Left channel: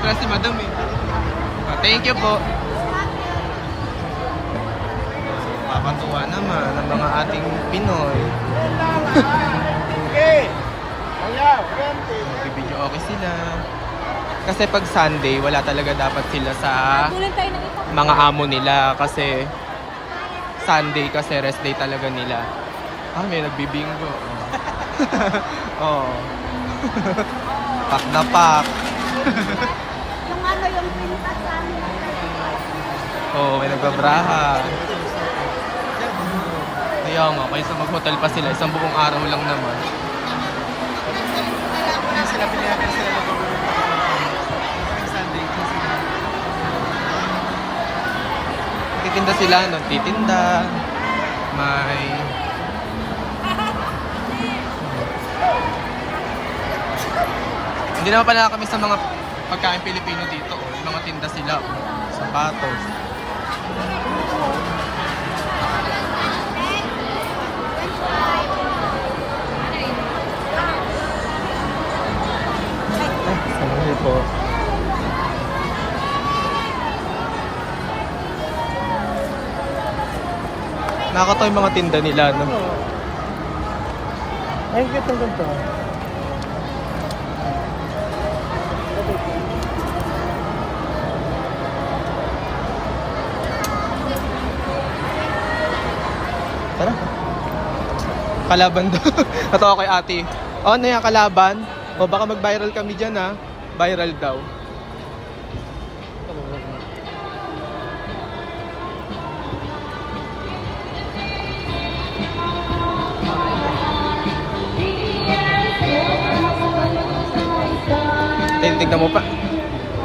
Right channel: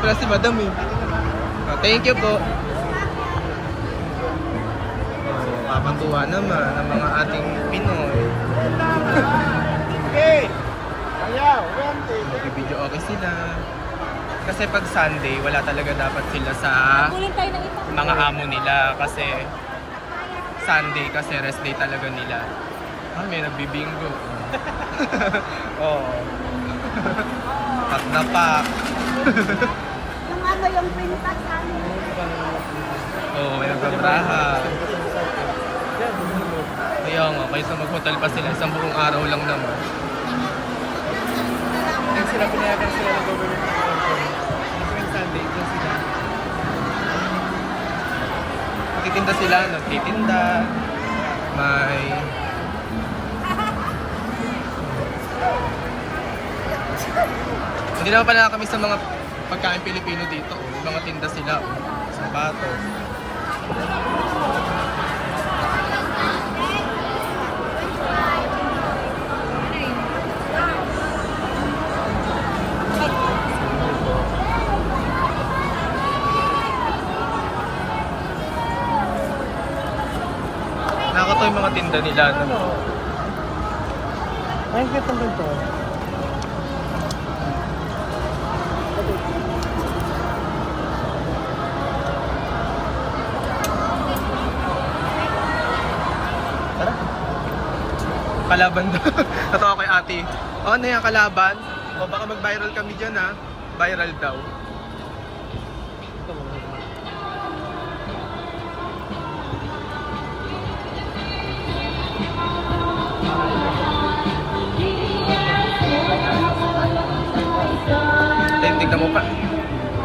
Wala si Madam eh. Oh, thank you po. Kakatuwa naman ng mga ating Pinoy. Mag-video okay sila. Kasi pag Sunday, wala talaga dapat sila sa mga amo nila. Kasi Sunday kasi rest day talaga nila. Ah, may nagbibingo. Oh. Pak na pak. Yung ano, yung pintas namin. Oh, may nagbabraha. Kaya nga, kaysa mag-hotel pa sila isang buong araw lang naman. Nagtitinda sila, nagtitinda. May... Hindi naman pala kami sa mga pagkain Pilipino dito. May mga tinda sila. Sapatos. Nakakatawa yung mga tinda nila. No? Ay, ganda dito. Kalaban daw. Natawa kay ate. O, ano yan, kalaban? O, baka mag-viral kami dyan ha. Viral daw. Tignan mo pa.